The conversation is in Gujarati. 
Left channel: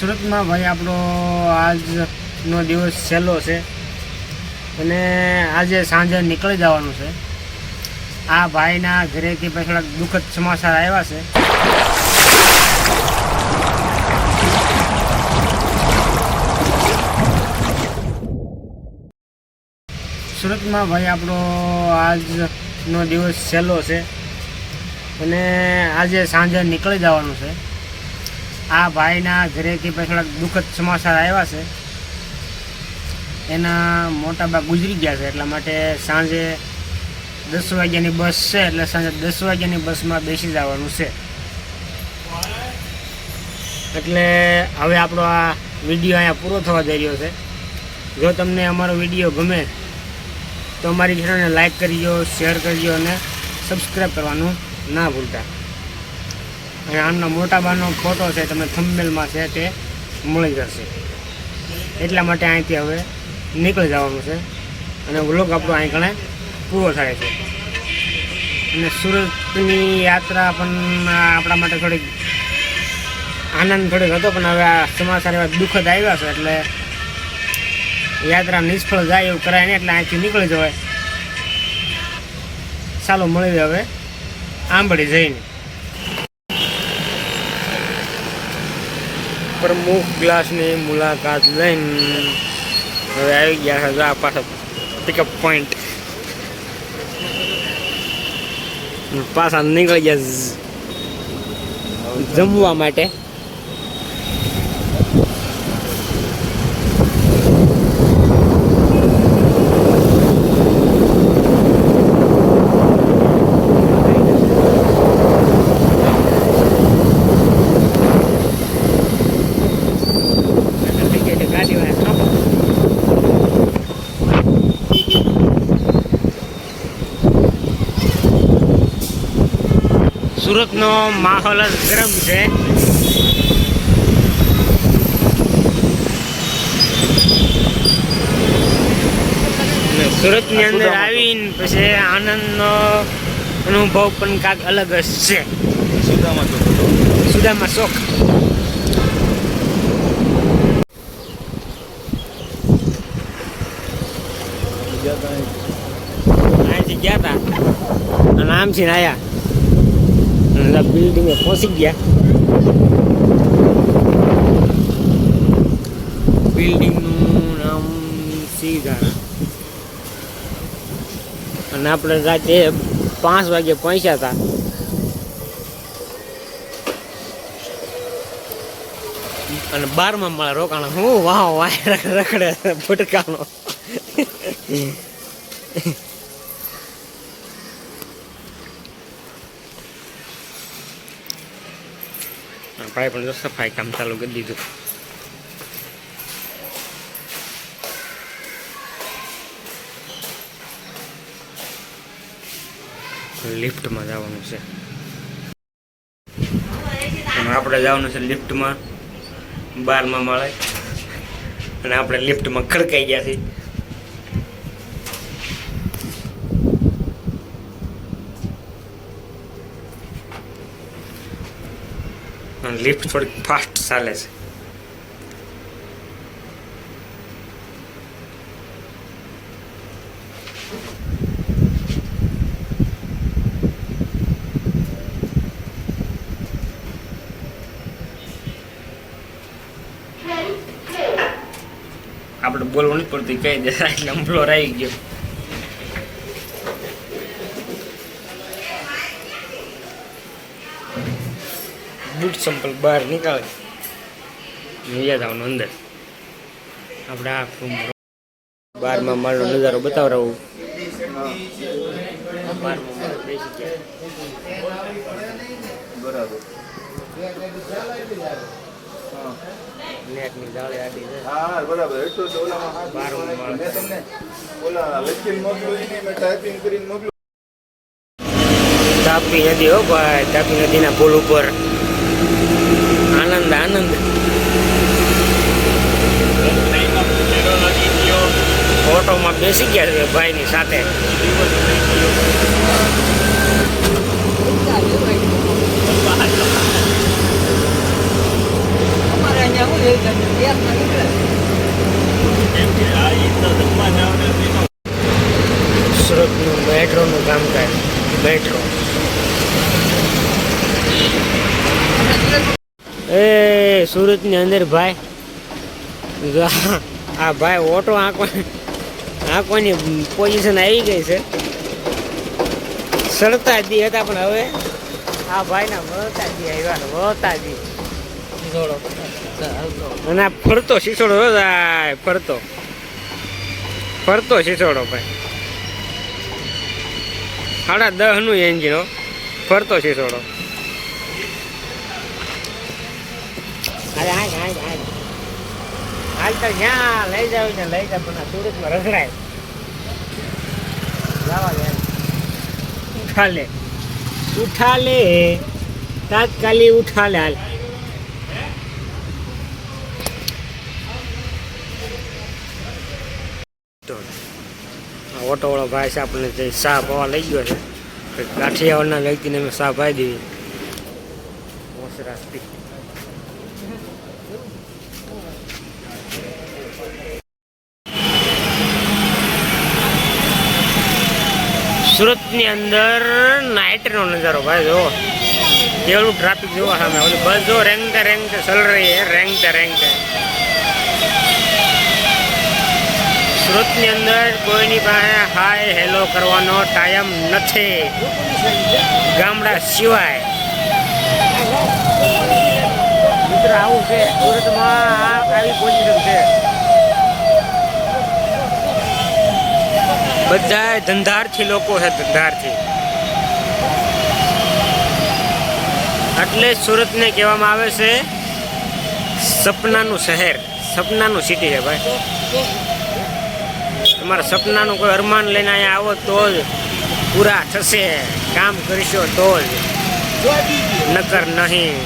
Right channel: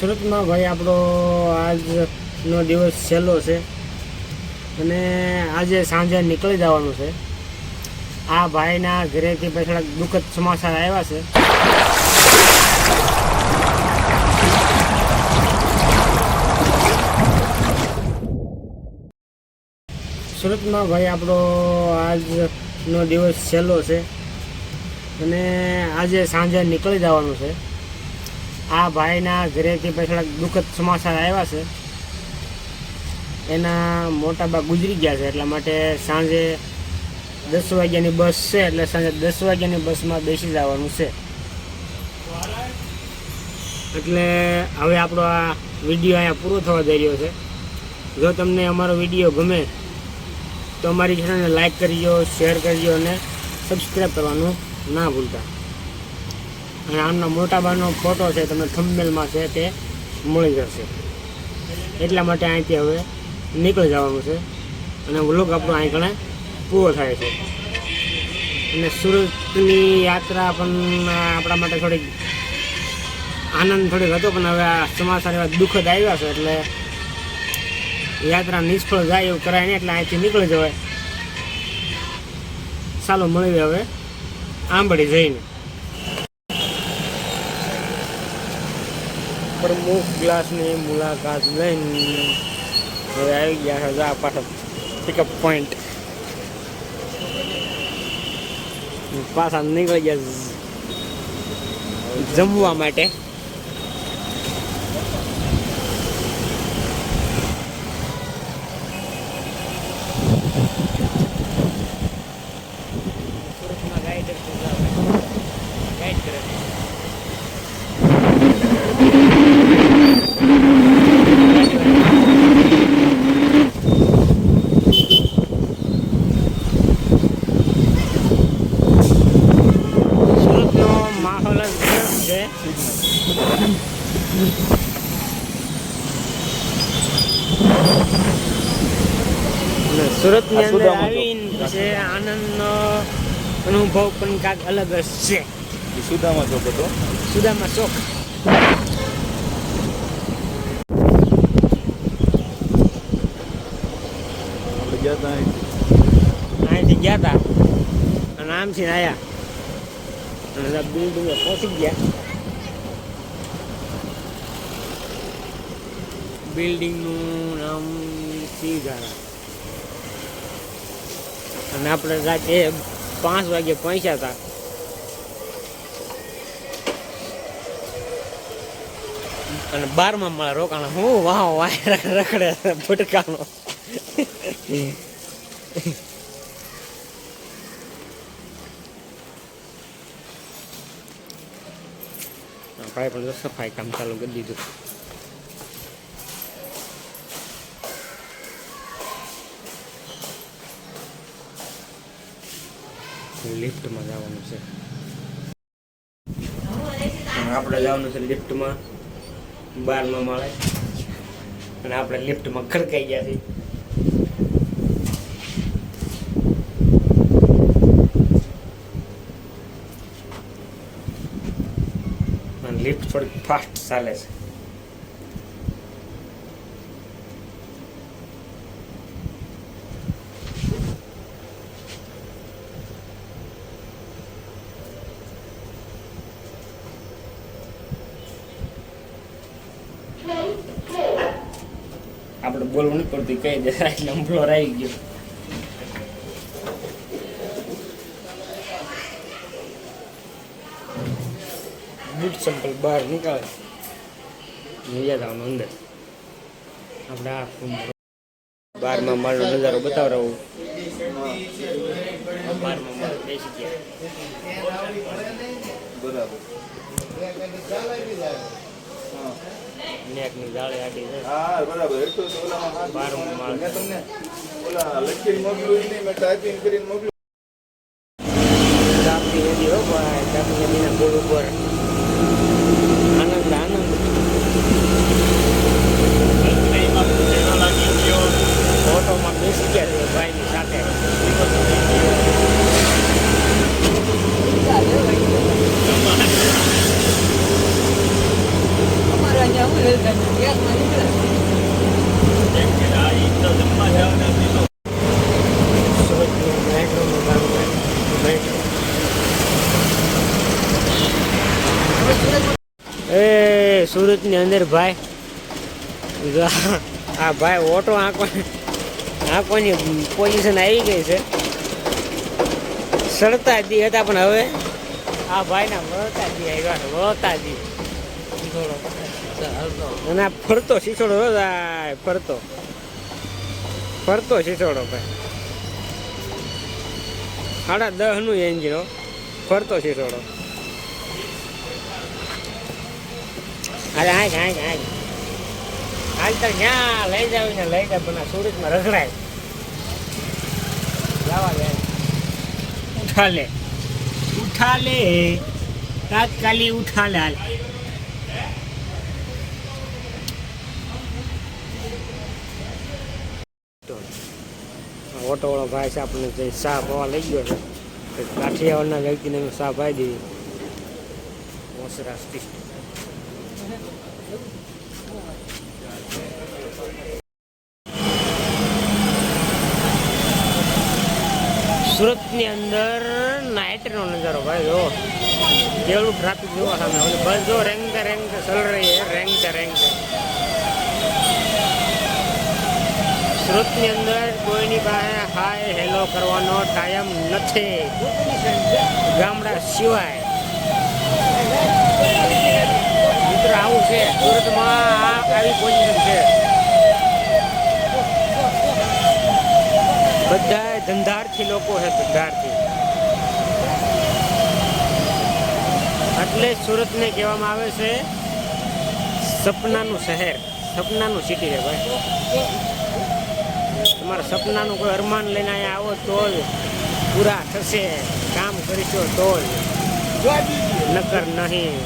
સુરતમાં ભાઈ આપણો આજનો દિવસ છેલ્લો છે અને આજે સાંજે નીકળી જવાનું છે. આ ભાઈના ઘરેથી પછી થોડાક દુઃખદ સમાચાર આવ્યા છે. સુરતમાં ભાઈ આપણો આજનો દિવસ છેલ્લો છે અને આજે સાંજે નીકળી જવાનું છે. આ ભાઈના ઘરેથી પછી થોડાક દુઃખદ સમાચાર આવ્યા છે. એના મોટા બા ગુજરી ગયા છે, એટલા માટે સાંજે 10 વાગ્યાની બસ છે, એટલે સાંજે 10 વાગ્યાની બસમાં બેસી જવાનું છે. એટલે હવે આપણો આ વિડીયો અહીંયા પૂરો થવા જઈ રહ્યો છે. જો તમને અમારો વિડીયો ગમે તો અમારી ચેનલને લાઈક કરજો, શેર કરજો અને સબસ્ક્રાઈબ કરવાનું ના ભૂલતા. અને આમના મોટા બાનો ફોટો છે, તમને થંબનેલમાં છે તે મળી જશે. એટલા માટે અહીંથી હવે નીકળી જવાનું છે અને વ્લોગ આપણો અહીં કણે પૂરો થાય છે. અને સુરતની યાત્રા પણ આપણા માટે થોડીક આનંદ થોડીક હતો, પણ હવે આ સમાચાર એવા દુઃખદ આવ્યા છે એટલે યાત્રા નિષ્ફળ જાય એવું કરાય નહીં, એટલે અહીંથી નીકળી જવાય. ચાલો મળીએ હવે આંબળી જઈને. પ્રમુખ ગ્લાસની મુલાકાત લઈને હવે આવી ગયા છે આ પાછા પિકઅપ પોઈન્ટ. પાછા નીકળી ગયા જમવા માટે. સુરતનો માહોલ જ ગરમ છે. સુરતની અંદર આવીને પછી આનંદનો અનુભવ પણ કાંઈક અલગ જ છે. સુદામા શોખ. અહીંથી ગયા હતા અને આમથી આવ્યા. બિલ્ડિંગે પહોંચી ગયા. બિલ્ડિંગનું નામ સીધા. અને આપણે રાતે 5 વાગે પહોંચ્યા હતા. અને 12મા માળે રોકાણા. હું વાહ વાહ રખડે ફટકાનો. ભાઈ પણ જો સફાઈ કામ ચાલુ કરી દીધું. લિફ્ટમાં જવાનું છે. આપણે જવાનું છે લિફ્ટમાં 12મા માળે. અને આપણે લિફ્ટમાં ખડકાઈ ગયા છીએ. લિફ્ટ થોડીક ફાસ્ટ ચાલે છે. આપણે બોલવું નહીં પડતું, કહી દે એટલે ફ્લોર આવી ગયો. બૂટ સંપલ બહાર નીકળે યાદ આવવાનું અંદર. આપણે આ 12મા માળનો નજારો બતાવરાવું. 12મા માળ બેસી ગયા. નેટની જાળી આડી છે. હા બરાબર. 12મા માળ તાપી નદી. હો ભાઈ, તાપી નદીના પુલ ઉપર આનંદ આનંદ. ફોટોમાં બેસી ગયા છે ભાઈની સાથે. અમારે અહીંયા સુરતનું મેટ્રોનું કામકાજ મેટ્રો એ સુરતની અંદર ભાઈ જો આ ભાઈ ઓટો આંકવાની પોઝિશન આવી ગઈ છે. સડતા દી હતા પણ હવે આ ભાઈના વળતા દી આવ્યા વળતા દી અને આ ફરતો શીશોડો ફરતો શીશોડો ભાઈ 10.5 નું એન્જિન ફરતો શીશોડો. અરે હાલ તો જ્યાં લઈ જાવ ને લઈ જાવ પણ સુરતમાં રગડાય જવા દે. ઉઠા લે તાત્કાલિક ઉઠા લે. હાલ ઓટો વાળો ભાઈ છે આપણને જે ચા પવા લઈ ગયો છે. કાઠિયાવાડના વ્યક્તિને અમે ચા પાઈ દેવી મોસરાથી. સુરતની અંદર નાઇટનો નજારો ભાઈ જો કેવડું ટ્રાફિક જોવા સામે ઓલી બસ જો રેંગતે ચલ રહી હે રેંગતે. સુરતની અંદર કોઈની પાસે હાય હેલો કરવાનો ટાઈમ નથી ગામડા સિવાય. મિત્ર આવું છે સુરતમાં આવી પોઝિશન છે. બધા ધંધાર્થી લોકો છે ધંધાર્થી. એટલે સુરતને કહેવામાં આવે છે સપનાનું શહેર સપનાનું સિટી છે ભાઈ. તમારા સપનાનું કોઈ અરમાન લઈને અહીંયા આવો તો જ પૂરા થશે. કામ કરીશો તો જ નકર નહીં.